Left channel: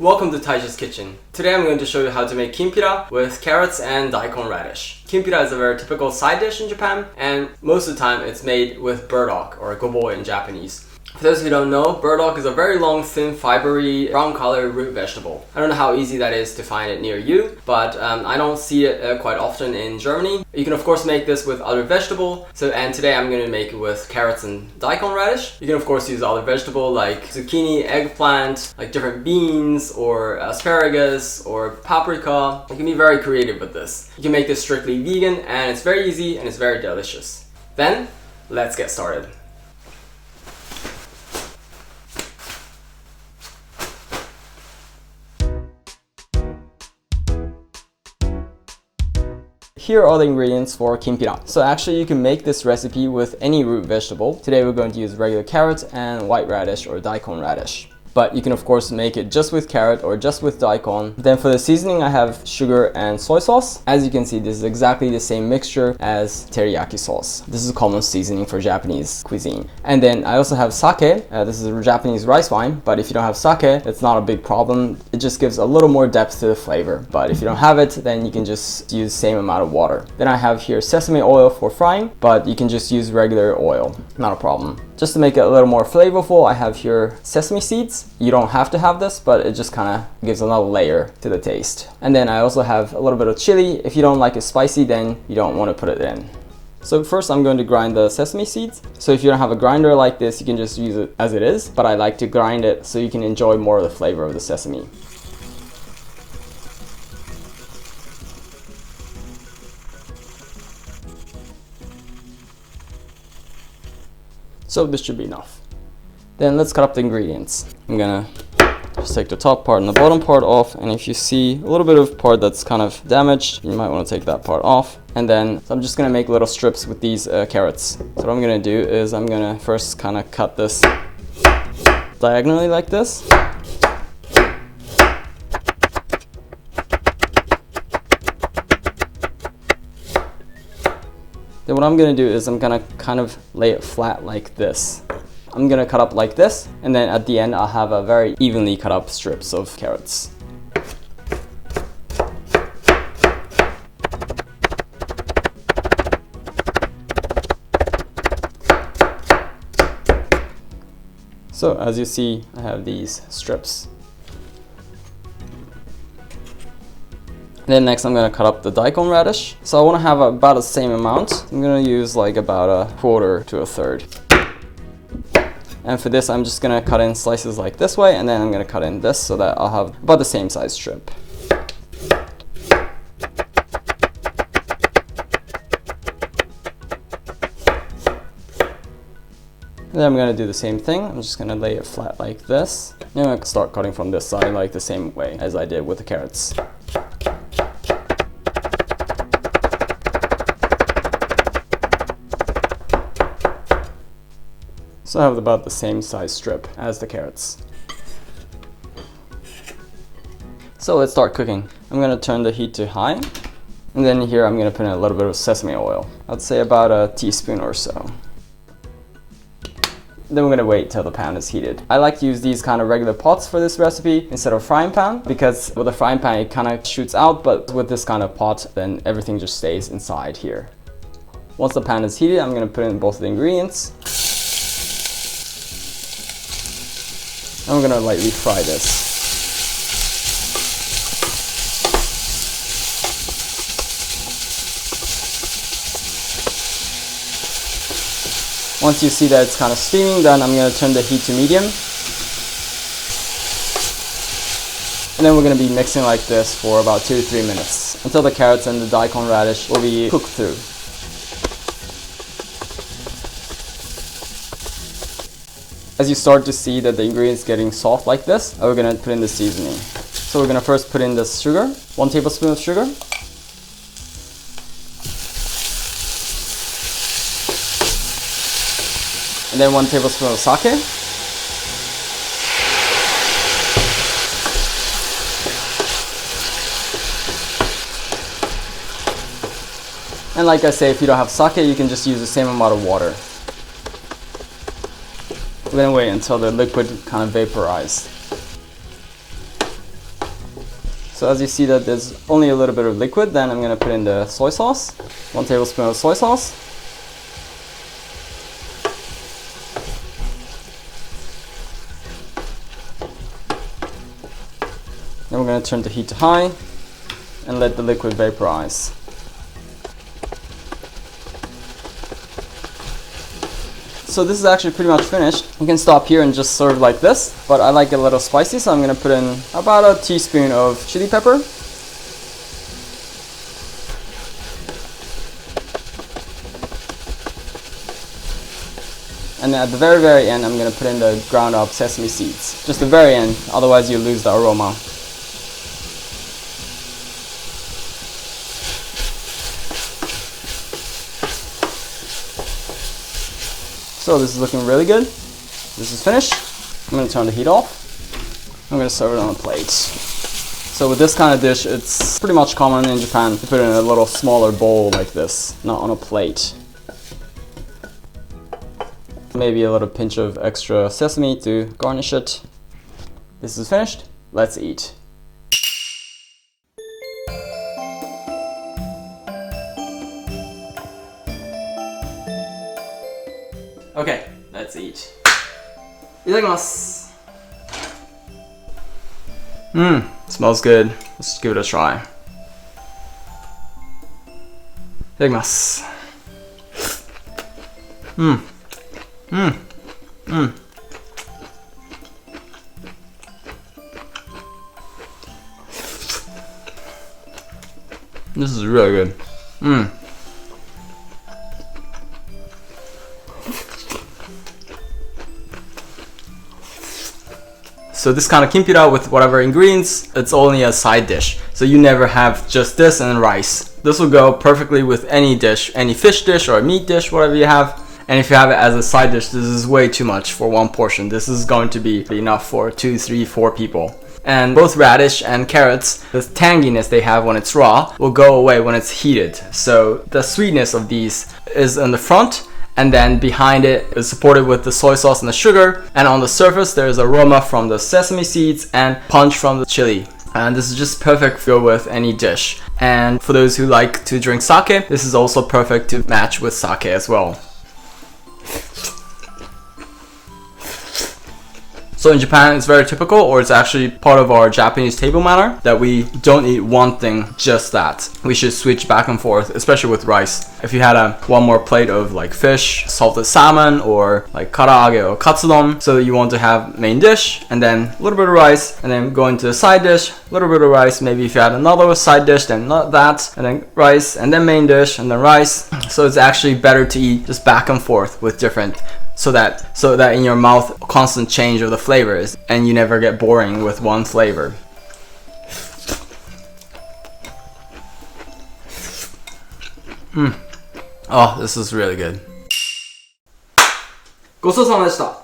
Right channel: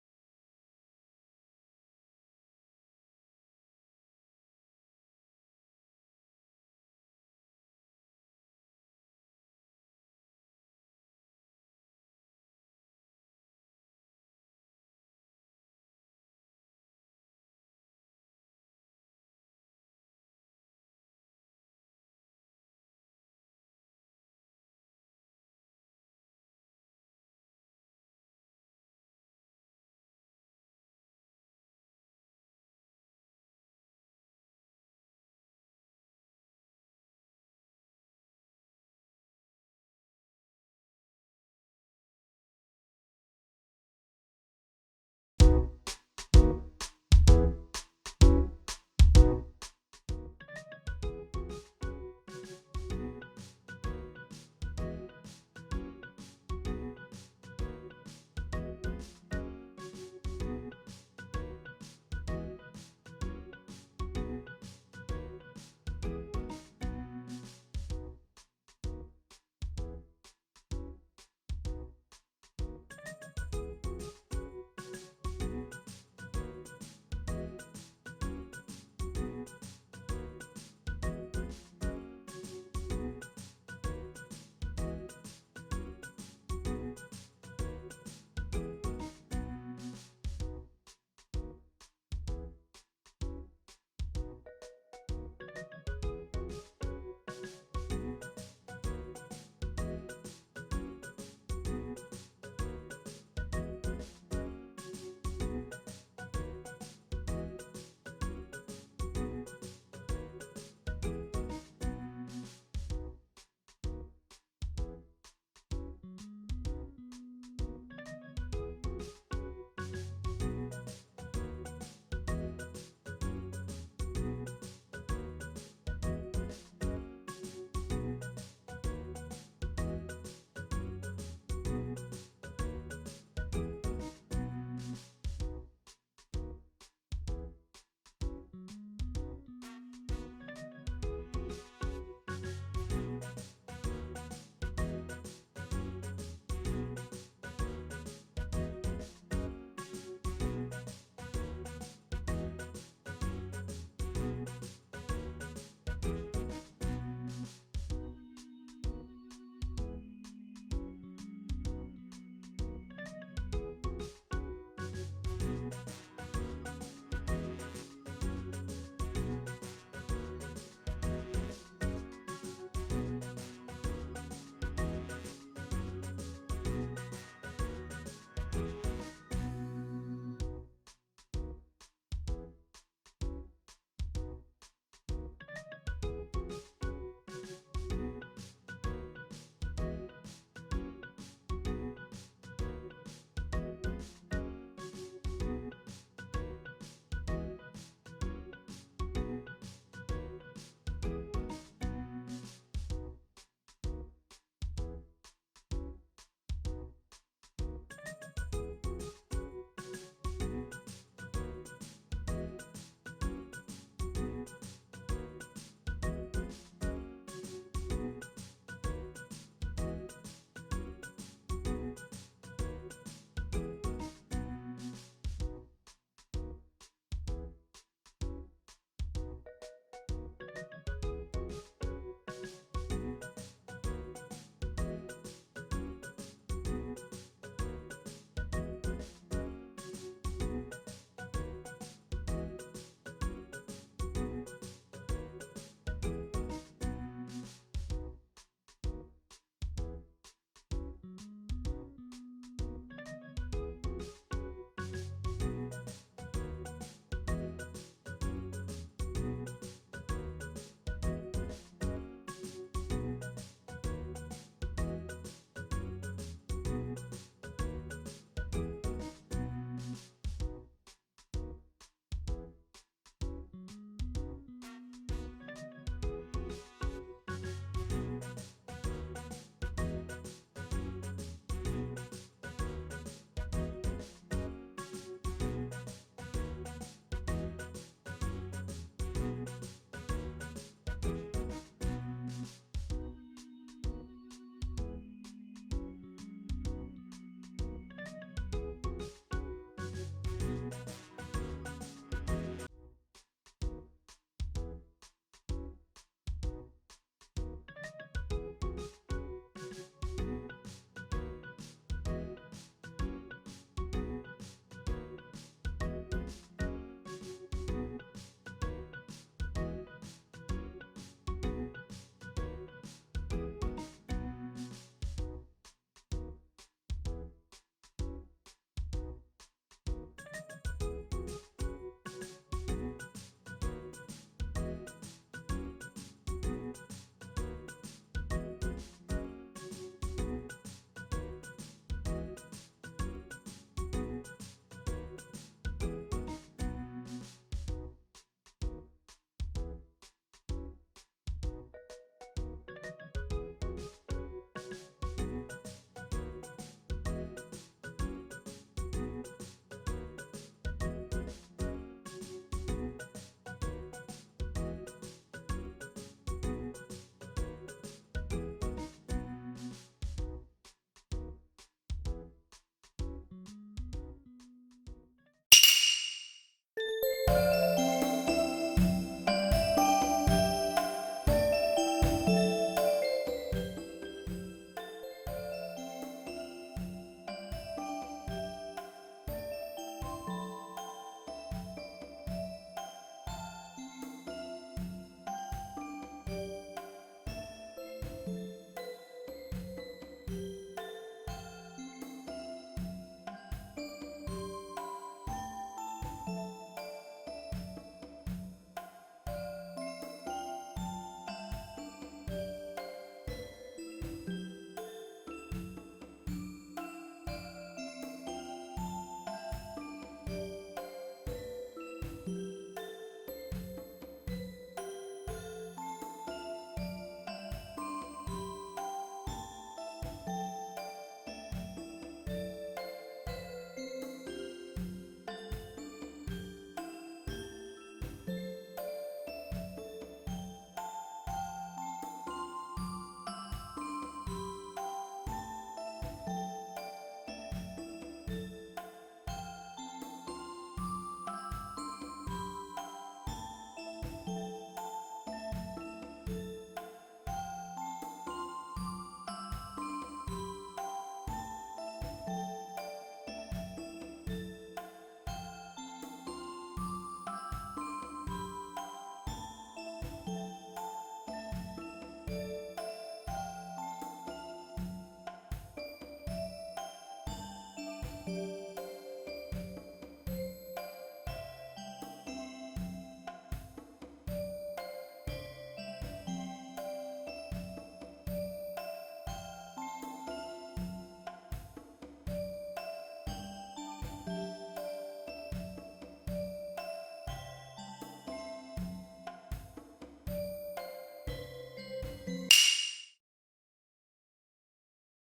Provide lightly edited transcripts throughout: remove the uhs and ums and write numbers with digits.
Welcome to Taiji's Kitchen. Today I'm going to show you how to make kimpira with carrots and daikon radish. Kimpira is a very typical side dish in Japan, and most of the time it's made with burdock, or gobo in Japanese. For those who don't know, burdock is a very long, thin, fibery, brown color root vegetable. I don't know how easy that is to find it near you, but I don't see it quite often in Germany. You can of course make this with other vegetable. And today I'm going to make it with carrots and daikon radish. You can of course use other vegetable like zucchini, eggplant, like different beans or asparagus or paprika. You can be very creative with this. You can make this strictly vegan, and it's very easy and it's very delicious. Then, let's get started. Here are the ingredients for kimpira. So actually you can make this recipe with any root vegetable. Today we're going to use regular carrot and white radish or daikon radish. But you can of course make it just with carrot or just with daikon. Then for the seasoning I have sugar and soy sauce. As you can see, this is exactly the same mixture as teriyaki sauce. This is a common seasoning for Japanese cuisine. And then I also have sake. This is a Japanese rice wine, but if you don't have sake, it's not a big problem. It just gives a little more depth to the flavor. But if you don't have it, then you can just use the same amount of water. Then I have here sesame oil for frying, but you can just use regular oil, not a problem. Just to make it a little more flavorful, I have here sesame seeds. You don't have to have this, but it just kind of gives another layer to the taste. And then I also have a little bit of chili. If you don't like it spicy, then you don't want to put it in. So first I'm going to grind the sesame seeds. So if you don't have a grinder like this, you can just use it as it is, but I like to grind it so you can enjoy more of the flavor of the sesame. So this should be enough. Then let's cut up the ingredients. I'm gonna just take the top part and the bottom part off, and if you see a little bit of part that's kind of damaged, you might want to take that part off. And then I'm just gonna make little strips with these carrots. So what I'm gonna do is I'm gonna first kind of cut this diagonally like this. Then what I'm gonna do is I'm gonna kind of lay it flat like this. I'm gonna cut up like this, and then at the end I'll have a very evenly cut up strips of carrots. So as you see, I have these strips. Then next I'm gonna cut up the daikon radish. So I wanna have about the same amount. I'm gonna use like about a quarter to a third. And for this, I'm just gonna cut in slices like this way, and then I'm gonna cut in this so that I'll have about the same size strip. And then I'm gonna do the same thing. I'm just gonna lay it flat like this. And I'm gonna start cutting from this side like the same way as I did with the carrots. So I have about the same size strip as the carrots. So let's start cooking. I'm gonna turn the heat to high. And then here I'm gonna put in a little bit of sesame oil. I'd say about a teaspoon or so. Then we're gonna wait till the pan is heated. I like to use these kind of regular pots for this recipe instead of frying pan, because with a frying pan it kind of shoots out, but with this kind of pot then everything just stays inside here. Once the pan is heated, I'm gonna put in both of the ingredients. I'm gonna lightly fry this. Once you see that it's kind of steaming, then I'm gonna turn the heat to medium. And then we're gonna be mixing like this for about 2 to 3 minutes until the carrots and the daikon radish will be cooked through. As you start to see that the ingredients getting soft like this, we're gonna put in the seasoning. So we're gonna first put in the sugar, 1 tablespoon of sugar. And then 1 tablespoon of sake. And like I say, if you don't have sake, you can just use the same amount of water. We're gonna wait until the liquid kind of vaporizes. So as you see that there's only a little bit of liquid, then I'm gonna put in the soy sauce. 1 tablespoon of soy sauce. Then we're gonna turn the heat to high and let the liquid vaporize. So this is actually pretty much finished. You can stop here and just serve like this, but I like it a little spicy, so I'm gonna put in about a teaspoon of chili pepper. And then at the very, very end, I'm gonna put in the ground up sesame seeds. Just the very end, otherwise you lose the aroma. So this is looking really good. This is finished. I'm gonna turn the heat off. I'm gonna serve it on a plate. So with this kind of dish, it's pretty much common in Japan to put it in a little smaller bowl like this, not on a plate. Maybe a little pinch of extra sesame to garnish it. This is finished. Let's eat. Okay, let's eat. いただきます. Smells good. Let's give it a try. いただきます. This is really good. So this kind of kimpira with whatever ingredients, it's only a side dish. So you never have just this and rice. This will go perfectly with any dish, any fish dish or a meat dish, whatever you have. And if you have it as a side dish, this is way too much for one portion. This is going to be enough for 2, 3, 4 people. And both radish and carrots, the tanginess they have when it's raw will go away when it's heated. So the sweetness of these is in the front, and then behind it is supported with the soy sauce and the sugar, and on the surface there is aroma from the sesame seeds and punch from the chili. And this is just perfect to go with any dish. And for those who like to drink sake, this is also perfect to match with sake as well. So in Japan, it's very typical, or it's actually part of our Japanese table manner, that we don't eat one thing, just that. We should switch back and forth, especially with rice. If you had one more plate of like fish, salted salmon, or like karaage or katsudon, so you want to have main dish, and then a little bit of rice, and then go into the side dish, a little bit of rice, maybe if you had another side dish, then not that, and then rice, and then main dish, and then rice. So it's actually better to eat just back and forth with different, so that in your mouth constant change of the flavors and you never get boring with one flavor. Oh, this is really good. ごちそうさまでした.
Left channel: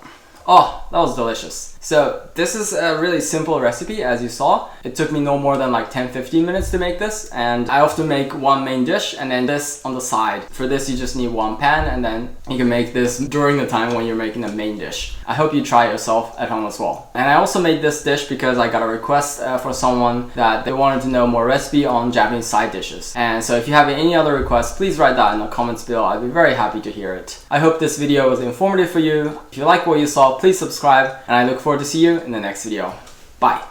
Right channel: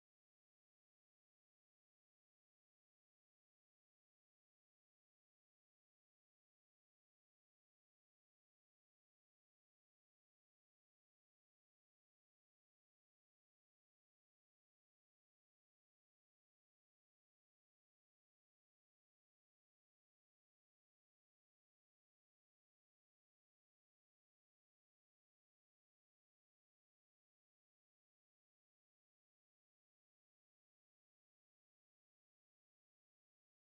Oh, that was delicious. So this is a really simple recipe, as you saw. It took me no more than like 10-15 minutes to make this, and I often make one main dish and then this on the side. For this you just need one pan, and then you can make this during the time when you're making the main dish. I hope you try it yourself at home as well. And I also made this dish because I got a request for someone that they wanted to know more recipe on Japanese side dishes. And so if you have any other requests, please write that in the comments below. I'd be very happy to hear it. I hope this video was informative for you. If you like what you saw, please subscribe, and I look forward to see you in the next video. Bye!